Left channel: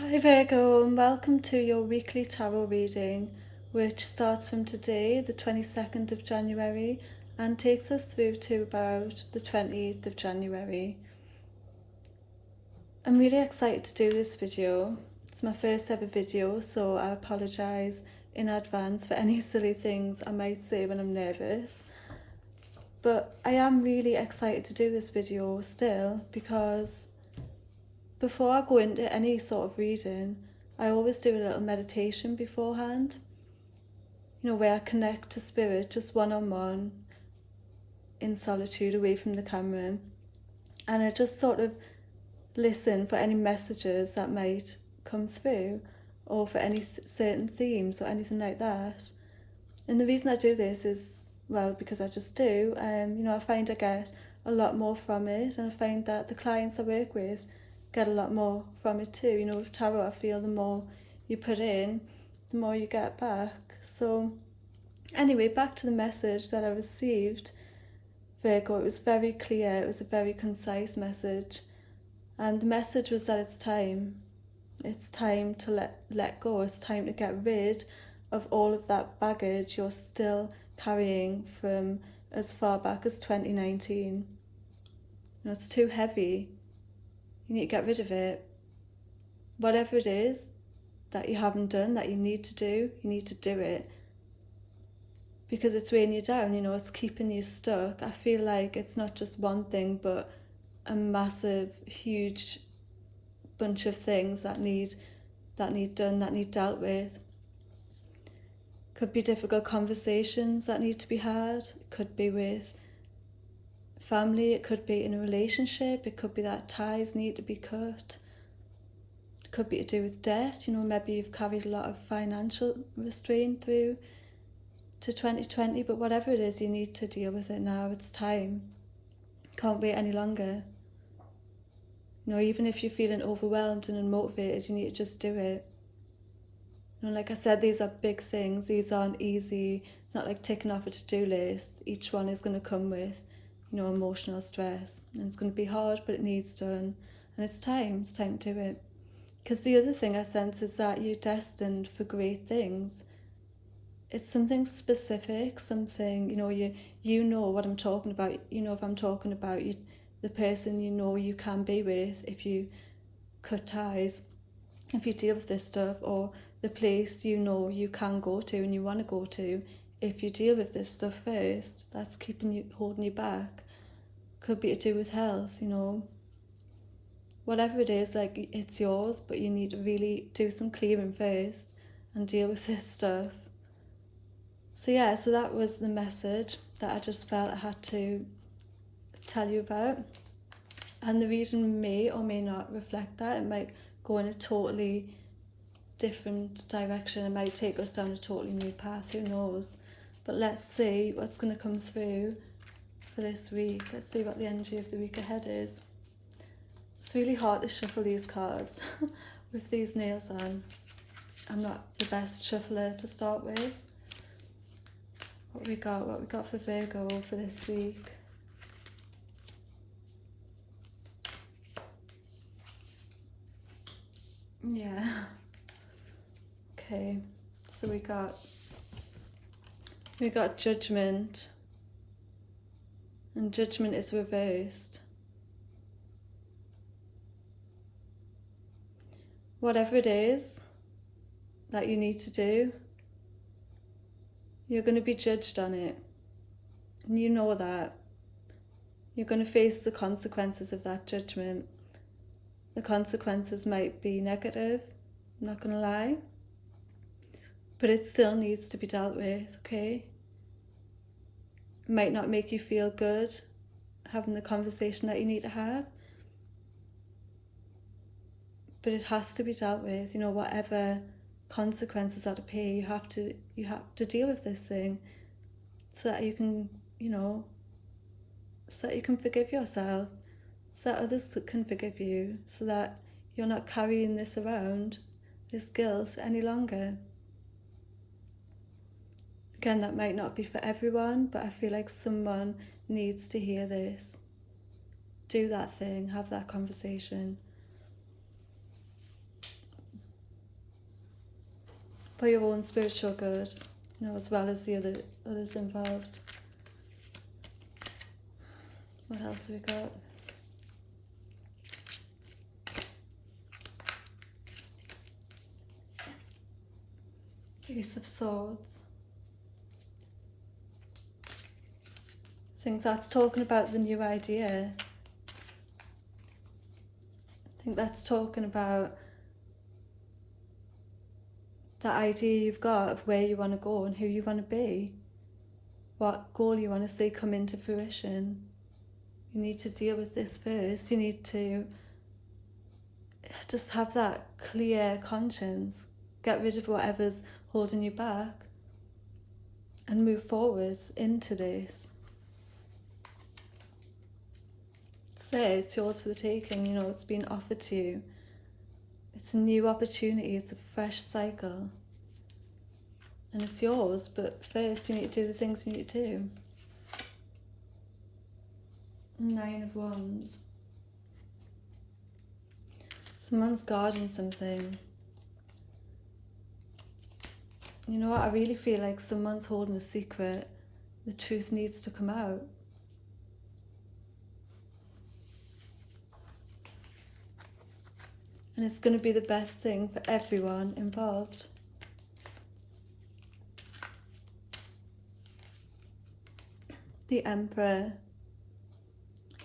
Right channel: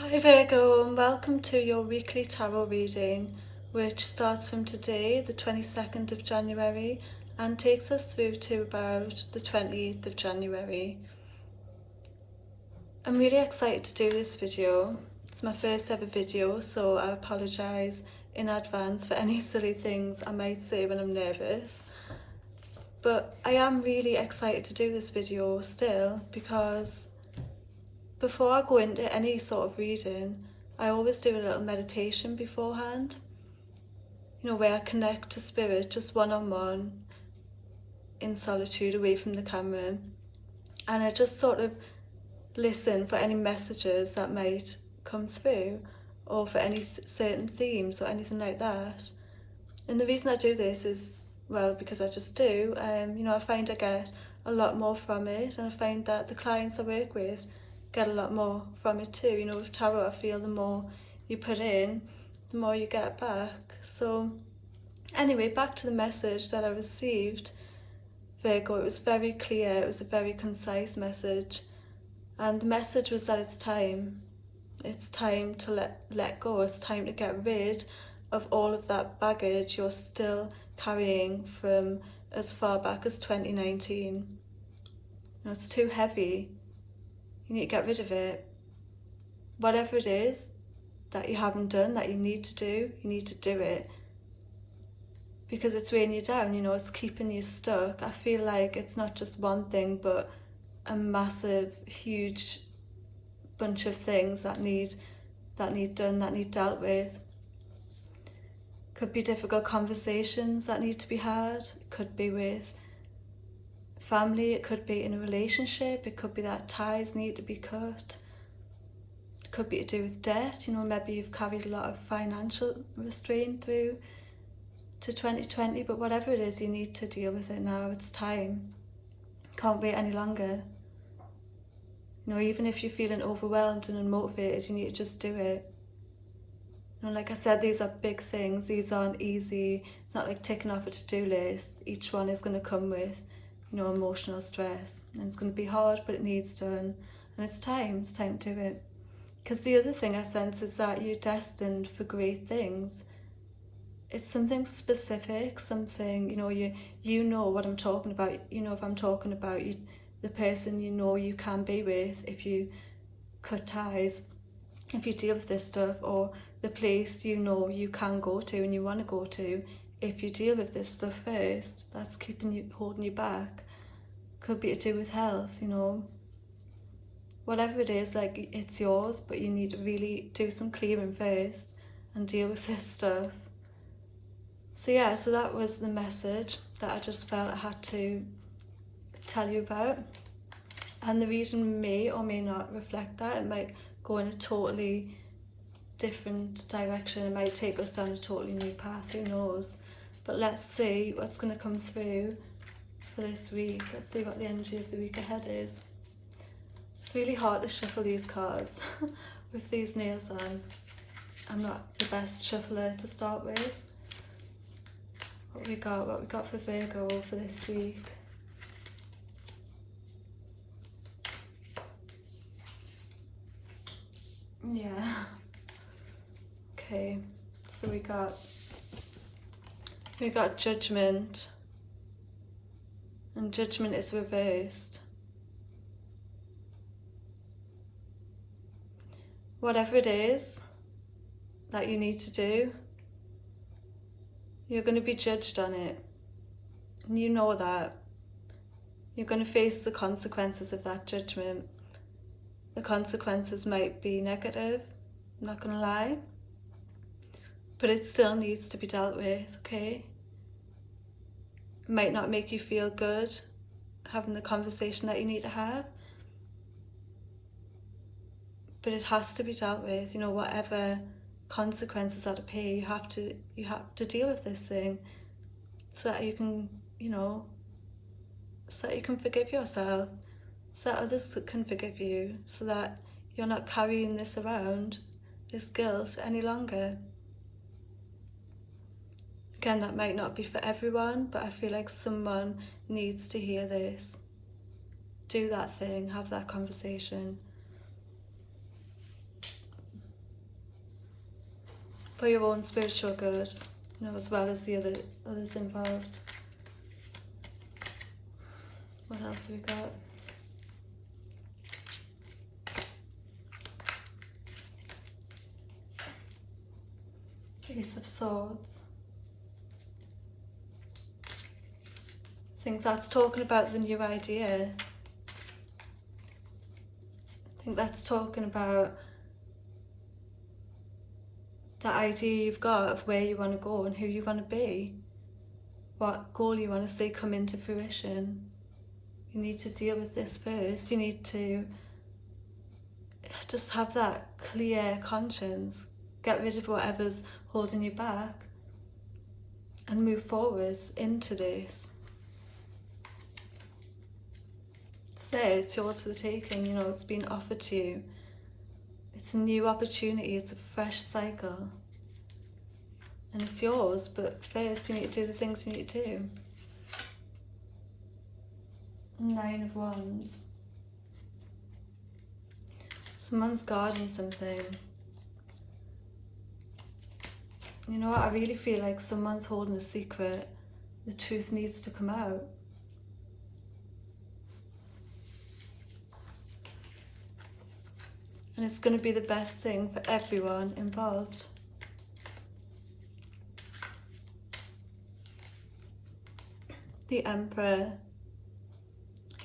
Hi Virgo, and welcome to your weekly tarot reading, which starts from today, the 22nd of January, and takes us through to about the 28th of January. I'm really excited to do this video. It's my first ever video, so I apologise in advance for any silly things I might say when I'm nervous. But I am really excited to do this video still, because before I go into any sort of reading, I always do a little meditation beforehand, where I connect to spirit just one-on-one in solitude away from the camera, and I just sort of listen for any messages that might come through, or for any certain themes or anything like that. And the reason I do this is, well, because I just do. I find I get a lot more from it, and I find that the clients I work with get a lot more from it too. With tarot, I feel the more you put in, the more you get back. So anyway, back to the message that I received, Virgo. It was very clear, it was a very concise message, and the message was that it's time to let go. It's time to get rid of all of that baggage you're still carrying from as far back as 2019. It's too heavy. You need to get rid of it. Whatever it is that you haven't done, that you need to do, you need to do it. Because it's weighing you down, it's keeping you stuck. I feel like it's not just one thing, but a massive, huge bunch of things that need done, that need dealt with. Could be difficult conversations that need to be had. It could be with family, it could be in a relationship, it could be that ties need to be cut. It could be to do with debt, maybe you've carried a lot of financial restraint through to 2020, but whatever it is, you need to deal with it now. It's time. Can't wait any longer. Even if you're feeling overwhelmed and unmotivated, you need to just do it. Like I said, these are big things. These aren't easy. It's not like ticking off a to-do list. Each one is going to come with emotional stress, and it's going to be hard, but it needs done, and it's time to do it. Because the other thing I sense is that you're destined for great things. It's something specific, something, you know what I'm talking about. If I'm talking about you, the person you can be with if you cut ties, if you deal with this stuff, or the place you can go to and you want to go to if you deal with this stuff first, that's holding you back. Could be to do with health, whatever it is, like, it's yours, but you need to really do some clearing first and deal with this stuff. So that was the message that I just felt I had to tell you about. And the reason may or may not reflect that. It might go in a totally different direction. It might take us down a totally new path, who knows. But let's see what's going to come through for this week. Let's see what the energy of the week ahead is. It's really hard to shuffle these cards with these nails on. I'm not the best shuffler to start with. What we got for Virgo for this week. Yeah. Okay. So we got Judgment. And Judgment is reversed. Whatever it is that you need to do, you're going to be judged on it. And you know that. You're going to face the consequences of that judgment. The consequences might be negative, I'm not going to lie. But it still needs to be dealt with, okay? It might not make you feel good having the conversation that you need to have, but it has to be dealt with. Whatever consequences are to pay, you have to deal with this thing, so that you can, so that you can forgive yourself, so that others can forgive you, so that you're not carrying this around, this guilt, any longer. Again, that might not be for everyone, but I feel like someone needs to hear this. Do that thing, have that conversation. for your own spiritual good, as well as the others involved. What else have we got? Ace of Swords. I think that's talking about the new idea. I think that's talking about the idea you've got of where you want to go and who you want to be, what goal you want to see come into fruition. You need to deal with this first. You need to just have that clear conscience, get rid of whatever's holding you back, and move forwards into this. It's there, it's yours for the taking, it's been offered to you. It's a new opportunity, it's a fresh cycle. And it's yours, but first you need to do the things you need to do. 9 of Wands. Someone's guarding something. You know what, I really feel like someone's holding a secret. The truth needs to come out. And it's going to be the best thing for everyone involved. The Emperor.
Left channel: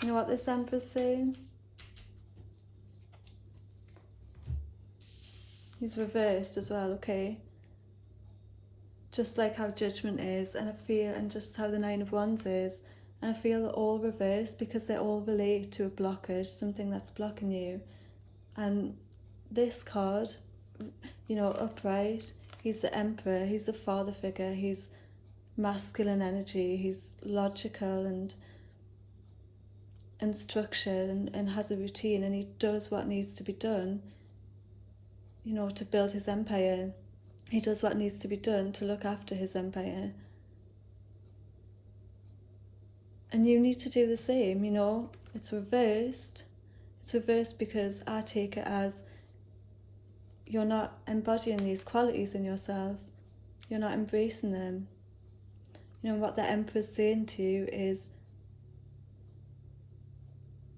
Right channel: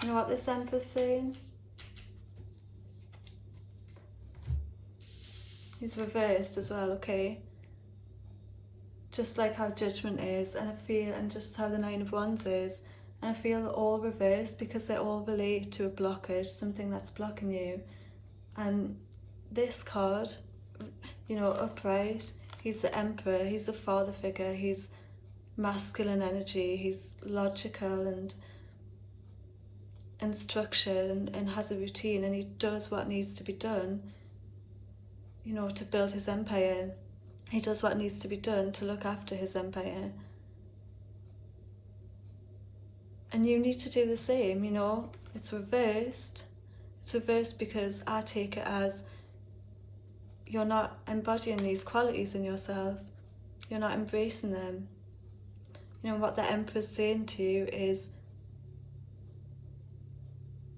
You know what this Emperor's saying? He's reversed as well, okay? Just like how Judgment is, and just how the 9 of Wands is. And I feel they're all reversed because they all relate to a blockage, something that's blocking you. And this card, upright, he's the Emperor, he's the father figure, he's masculine energy, he's logical and structured and has a routine, and he does what needs to be done, to build his empire. He does what needs to be done to look after his empire. And you need to do the same, It's reversed. It's reversed because I take it as you're not embodying these qualities in yourself. You're not embracing them. What the Emperor's saying to you is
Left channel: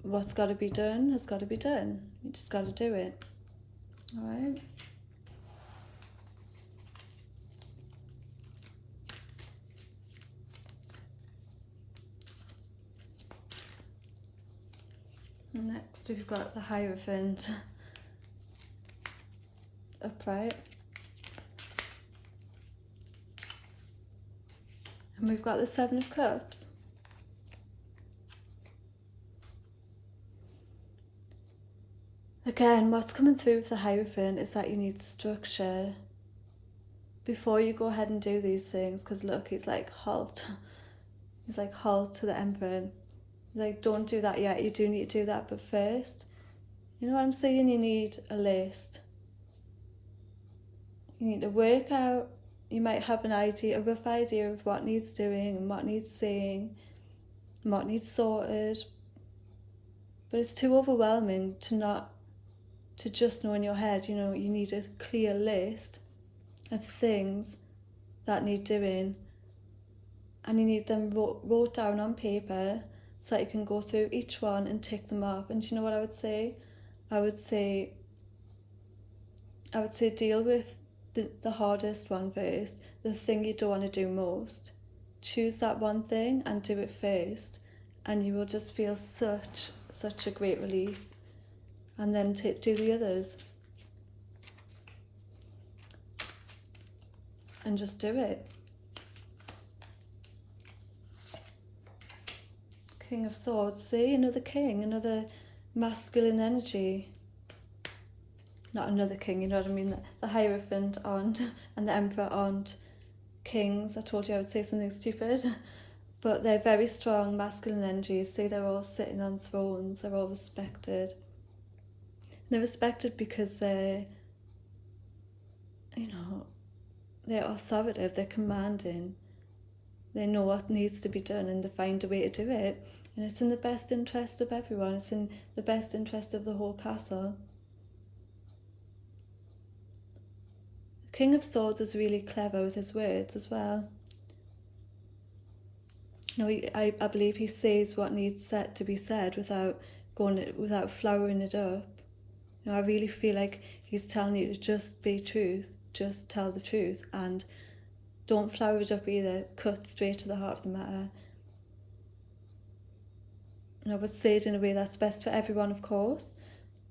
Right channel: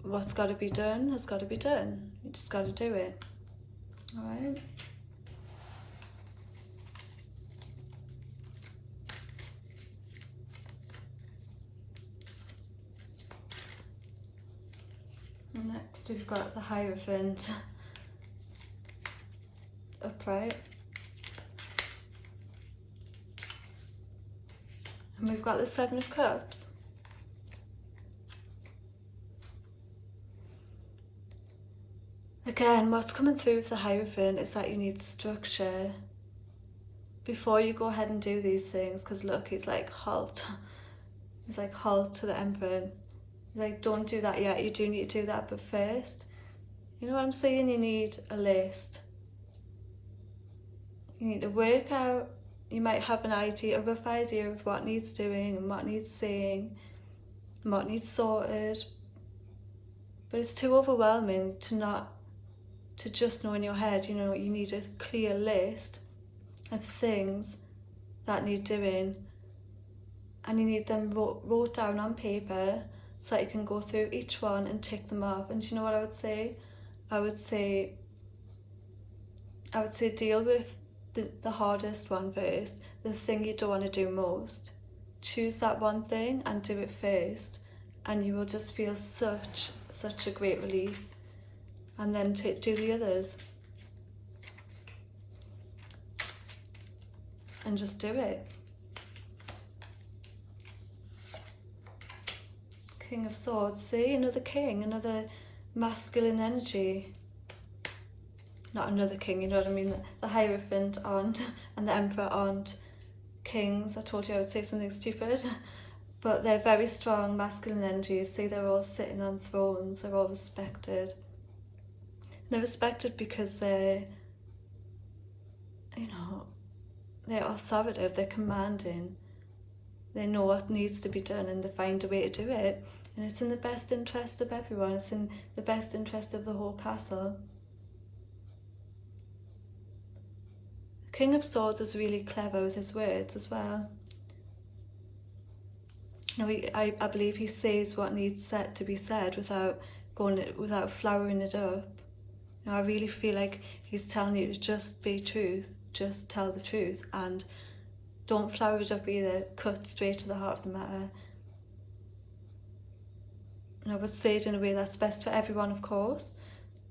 what's got to be done has got to be done. You just got to do it. Alright? Next we've got the Hierophant upright. And we've got the 7 of Cups. Again, what's coming through with the Hierophant is that you need structure before you go ahead and do these things, because look, he's like, halt. He's like, halt to the Emperor. He's like, don't do that yet, you do need to do that, but first, you know what I'm saying? You need a list. You need to work out, you might have an idea, a rough idea of what needs doing and what needs saying and what needs sorted, but it's too overwhelming to just know in your head. You need a clear list of things that need doing, and you need them wrote down on paper so that you can go through each one and tick them off. And do you know what I would say? I would say deal with the hardest one first, the thing you don't want to do most. Choose that one thing and do it first, and you will just feel such a great relief. And then do the others. And just do it. King of Swords. See, another king, another masculine energy. Not another king, you know what I mean? The Hierophant aren't, and the Emperor aren't kings. I told you I would say something stupid. But they're very strong masculine energies. See, they're all sitting on thrones. They're all respected. They're respected because they're authoritative, they're commanding. They know what needs to be done and they find a way to do it. And it's in the best interest of everyone. It's in the best interest of the whole castle. King of Swords is really clever with his words as well. You know, I believe he says what needs to be said without flowering it up. You know, I really feel like he's telling you to just be truth, just tell the truth, and don't flower it up either. Cut straight to the heart of the matter. And I would say it in a way that's best for everyone, of course,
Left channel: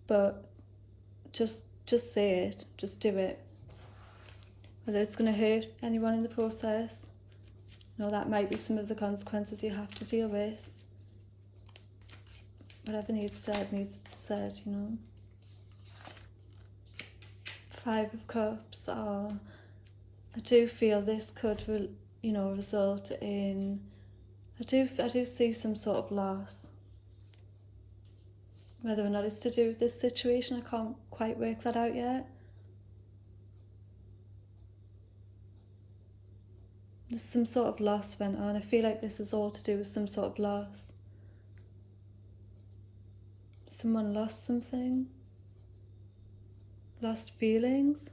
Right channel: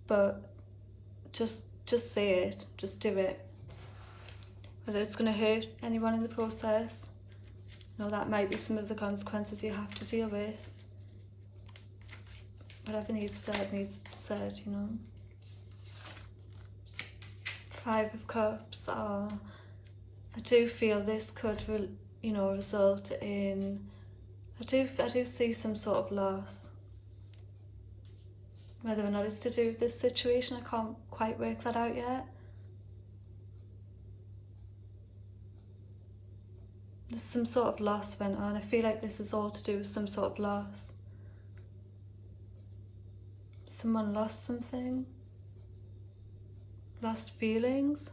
but just say it, just do it. Whether it's going to hurt anyone in the process, you know, that might be some of the consequences you have to deal with. Whatever needs said, you know. 5 of Cups. I do feel this could, result in. I do see some sort of loss. Whether or not it's to do with this situation, I can't quite work that out yet. There's some sort of loss went on. I feel like this is all to do with some sort of loss. Someone lost something. Lost feelings.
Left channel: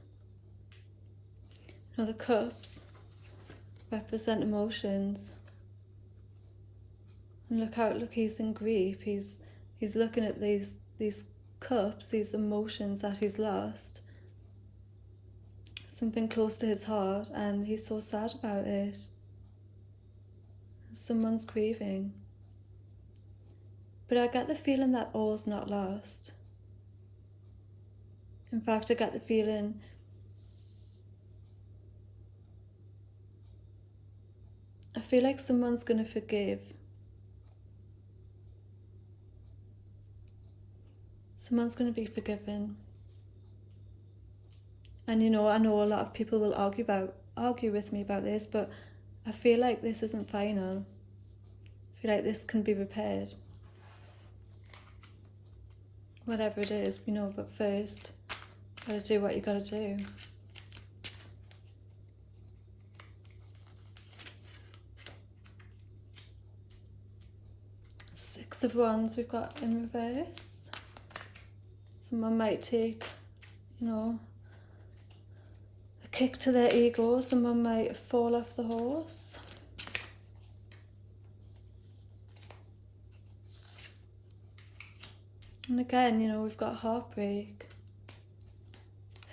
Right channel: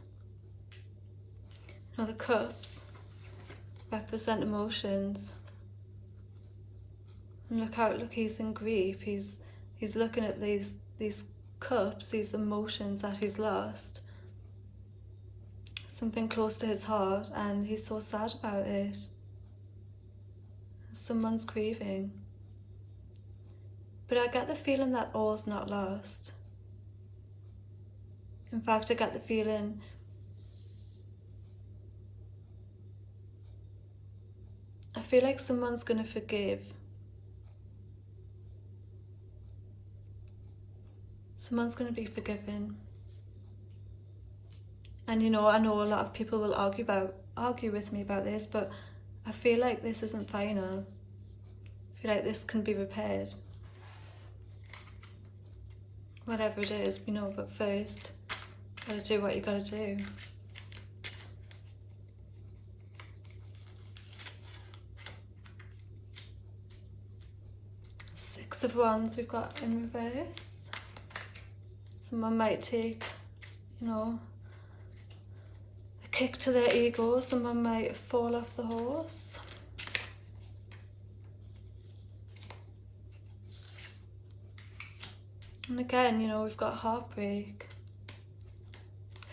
You know, the Cups represent emotions. And look, he's in grief. He's looking at these cups, these emotions that he's lost. Something close to his heart, and he's so sad about it. Someone's grieving. But I get the feeling that all's not lost. In fact, I get the feeling I feel like someone's going to forgive. Someone's going to be forgiven. And you know, I know a lot of people will argue with me about this, but I feel like this isn't final. I feel like this can be repaired. Whatever it is, you know, but first, you gotta do what you gotta do. Six of Wands we've got in reverse. Someone might take, you know, a kick to their ego. Someone might fall off the horse. And again, you know, we've got heartbreak.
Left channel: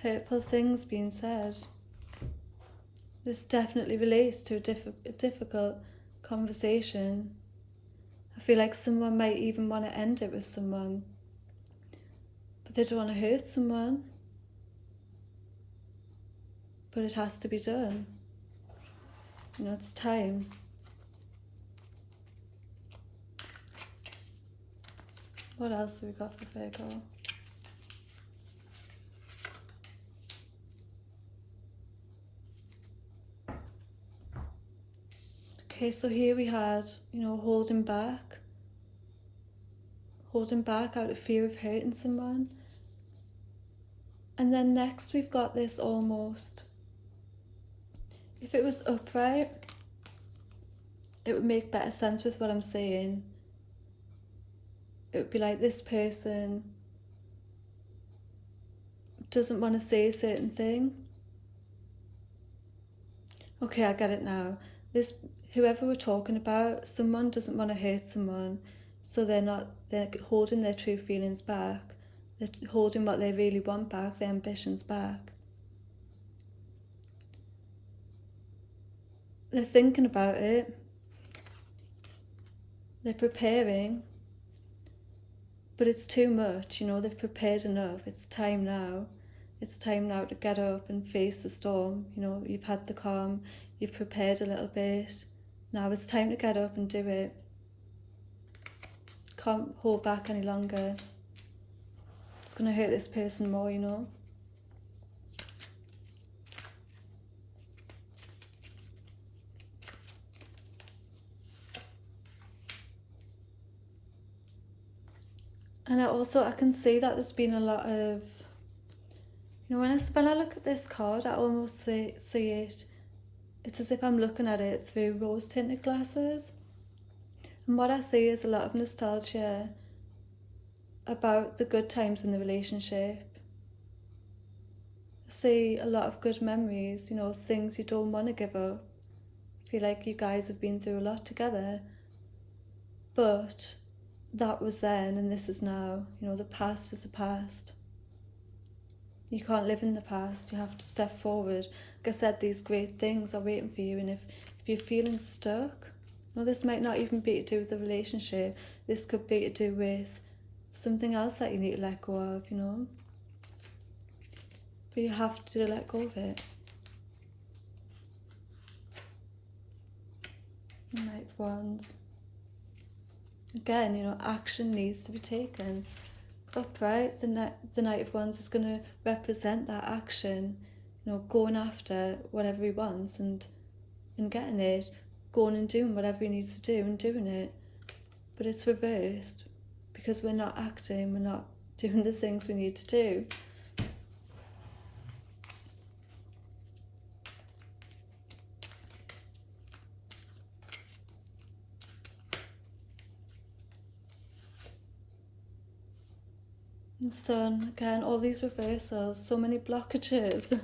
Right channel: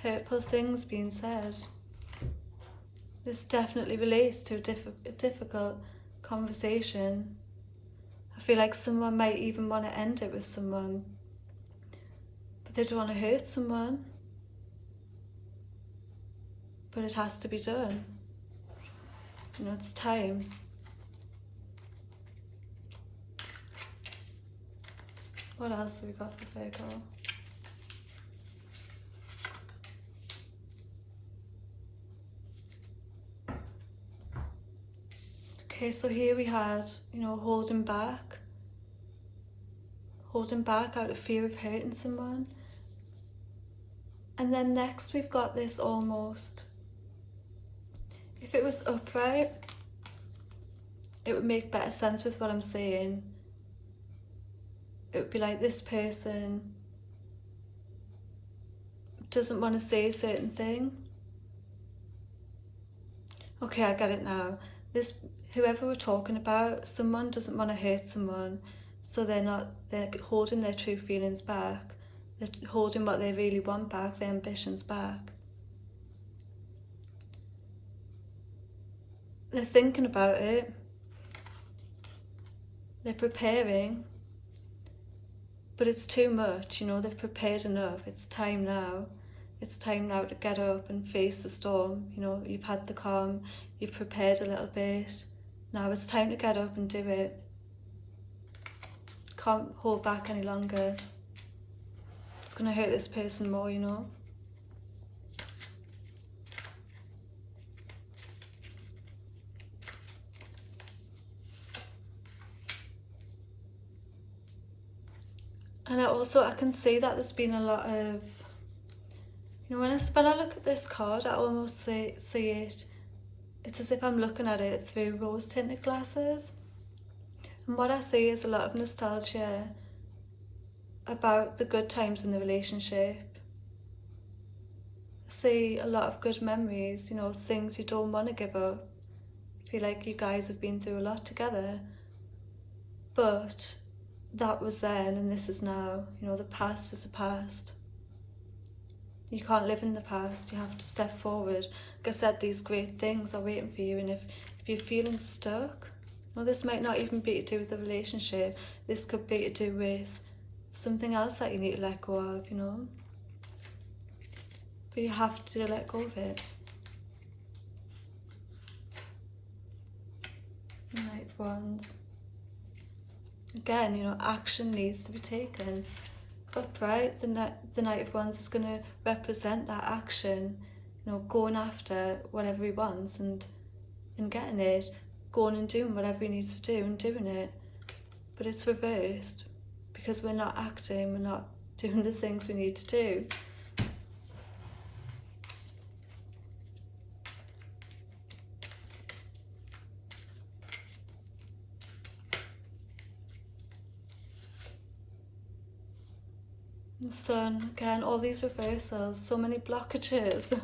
Hurtful things being said. This definitely relates to a difficult conversation. I feel like someone might even want to end it with someone, but they don't want to hurt someone. But it has to be done. You know, it's time. What else have we got for Virgo? Okay, so here we had, you know, holding back out of fear of hurting someone. And then next we've got this almost. If it was upright, it would make better sense with what I'm saying. It would be like this person doesn't want to say a certain thing. Okay, I get it now. Whoever we're talking about, someone doesn't want to hurt someone, so they're holding their true feelings back. They're holding what they really want back, their ambitions back. They're thinking about it. They're preparing. But it's too much, you know, they've prepared enough. It's time now. It's time now to get up and face the storm. You know, you've had the calm, you've prepared a little bit. Now it's time to get up and do it. Can't hold back any longer. It's going to hurt this person more, you know. And I can see that there's been a lot of, you know, when I look at this card, I almost see it, it's as if I'm looking at it through rose-tinted glasses. And what I see is a lot of nostalgia about the good times in the relationship. see a lot of good memories, you know, things you don't want to give up. I feel like you guys have been through a lot together, but that was then and this is now. You know, the past is the past. You can't live in the past, you have to step forward. Like I said, these great things are waiting for you, and if you're feeling stuck, well, this might not even be to do with a relationship, this could be to do with something else that you need to let go of, you know. But you have to let go of it. Knight of Wands. Again, you know, action needs to be taken. Upright, the Knight of Wands is going to represent that action, you know, going after whatever he wants and getting it, going and doing whatever he needs to do and doing it. But it's reversed because we're not acting, we're not doing the things we need to do. The Sun, again, all these reversals, so many blockages.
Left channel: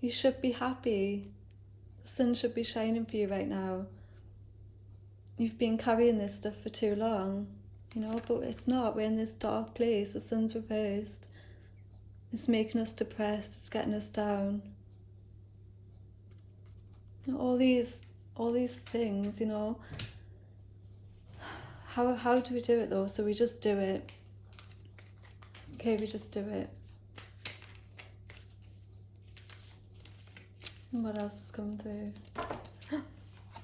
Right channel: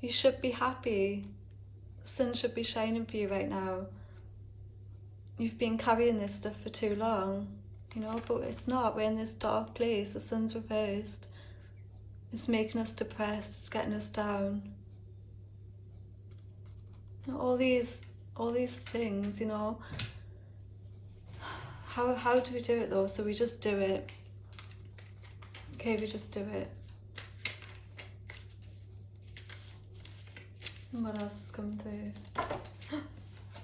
You should be happy. The sun should be shining for you right now. You've been carrying this stuff for too long, you know, but it's not. We're in this dark place. The sun's reversed. It's making us depressed. It's getting us down. You know, all these things, you know. How do we do it though? So we just do it. Okay, we just do it. And what else is coming through?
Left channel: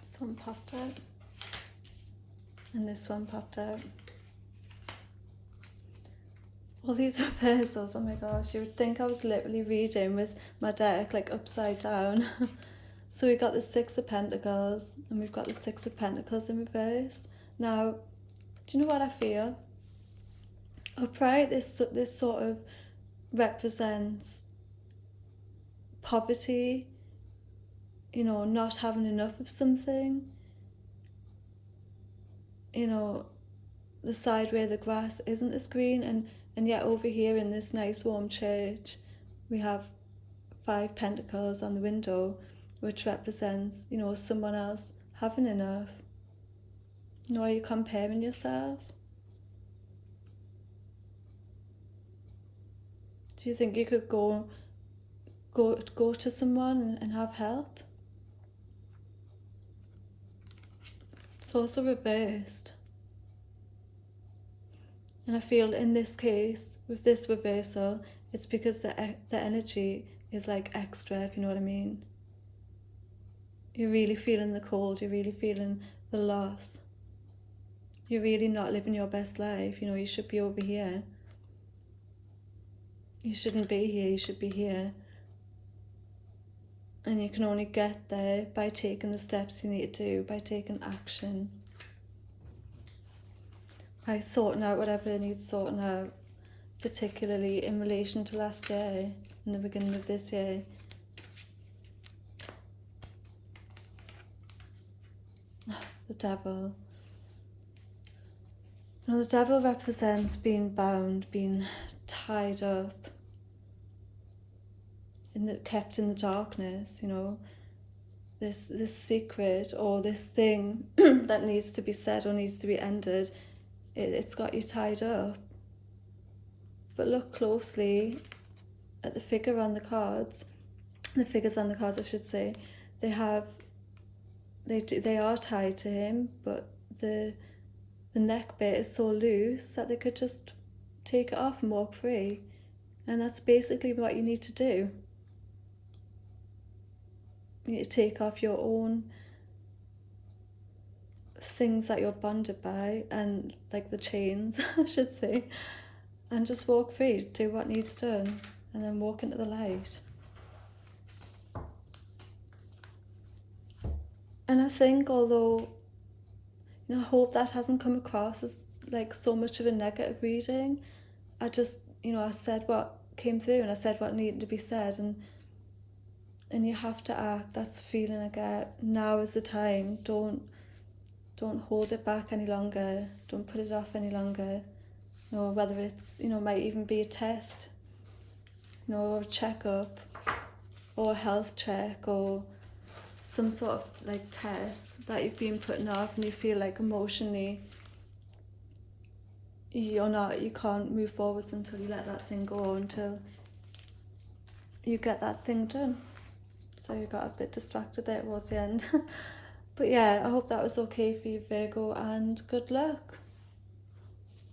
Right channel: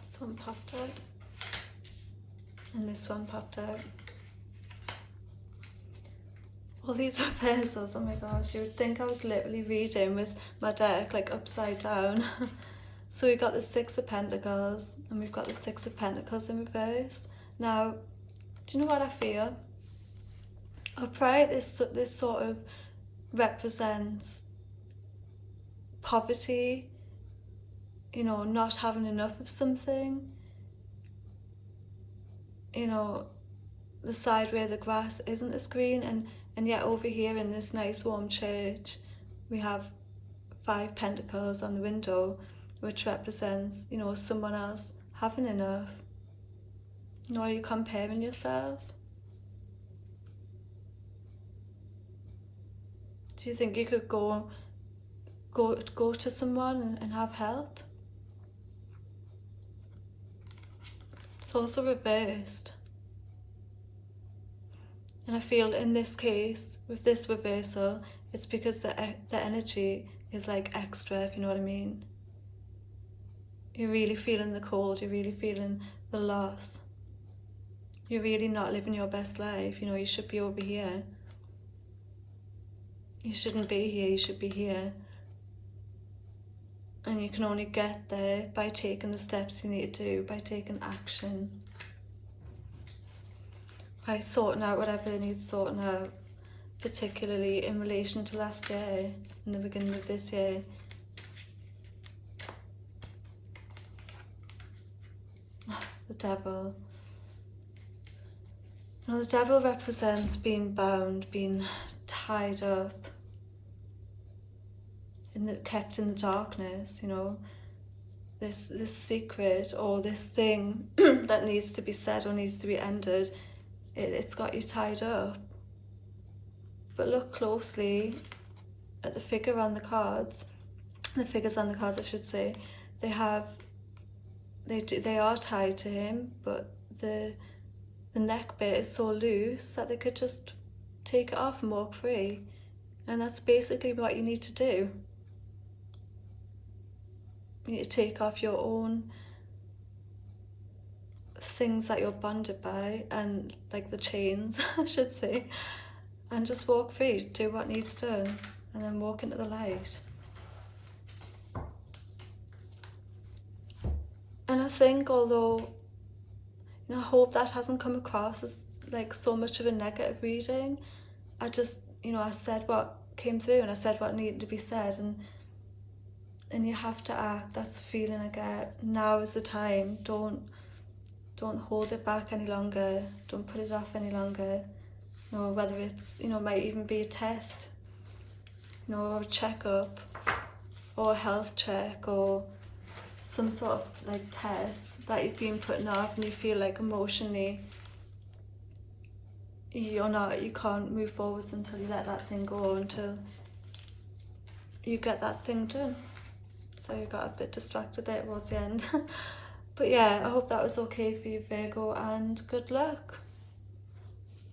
This one popped out. And this one popped out. All these reversals, oh my gosh, you would think I was literally reading with my deck like upside down. So we got the Six of Pentacles and we've got the Six of Pentacles in reverse. Now, do you know what I feel? Upright, this sort of represents poverty, you know, not having enough of something, you know, the side where the grass isn't as green, and yet over here in this nice warm church we have 5 pentacles on the window, which represents, you know, someone else having enough. You know, are you comparing yourself? Do you think you could go to someone and have help? It's also reversed. And I feel in this case, with this reversal, it's because the energy is like extra, if you know what I mean. You're really feeling the cold, you're really feeling the loss. You're really not living your best life, you know, you should be over here. You shouldn't be here, you should be here. And you can only get there by taking the steps you need to do, by taking action. By sorting out whatever needs sorting out, particularly in relation to last year, in the beginning of this year. The Devil. Now the Devil represents being bound, being tied up, kept in the darkness, you know, this secret or this thing that needs to be said or needs to be ended, it's got you tied up. But look closely at the figure on the cards, the figures on the cards I should say, they are tied to him, but the neck bit is so loose that they could just take it off and walk free. And that's basically what you need to do. You need to take off your own things that you're bonded by, and like the chains, I should say, and just walk free, do what needs done, and then walk into the light. And I think, although, you know, I hope that hasn't come across as like so much of a negative reading, I just, you know, I said what came through and I said what needed to be said, and you have to act. That's the feeling I get. Now is the time. Don't hold it back any longer. Don't put it off any longer. You know, whether it's, you know, might even be a test, you know, or a checkup, or a health check or some sort of like test that you've been putting off, and you feel like emotionally you can't move forwards until you let that thing go, until you get that thing done. So you got a bit distracted there towards the end. But yeah, I hope that was okay for you, Virgo, and good luck.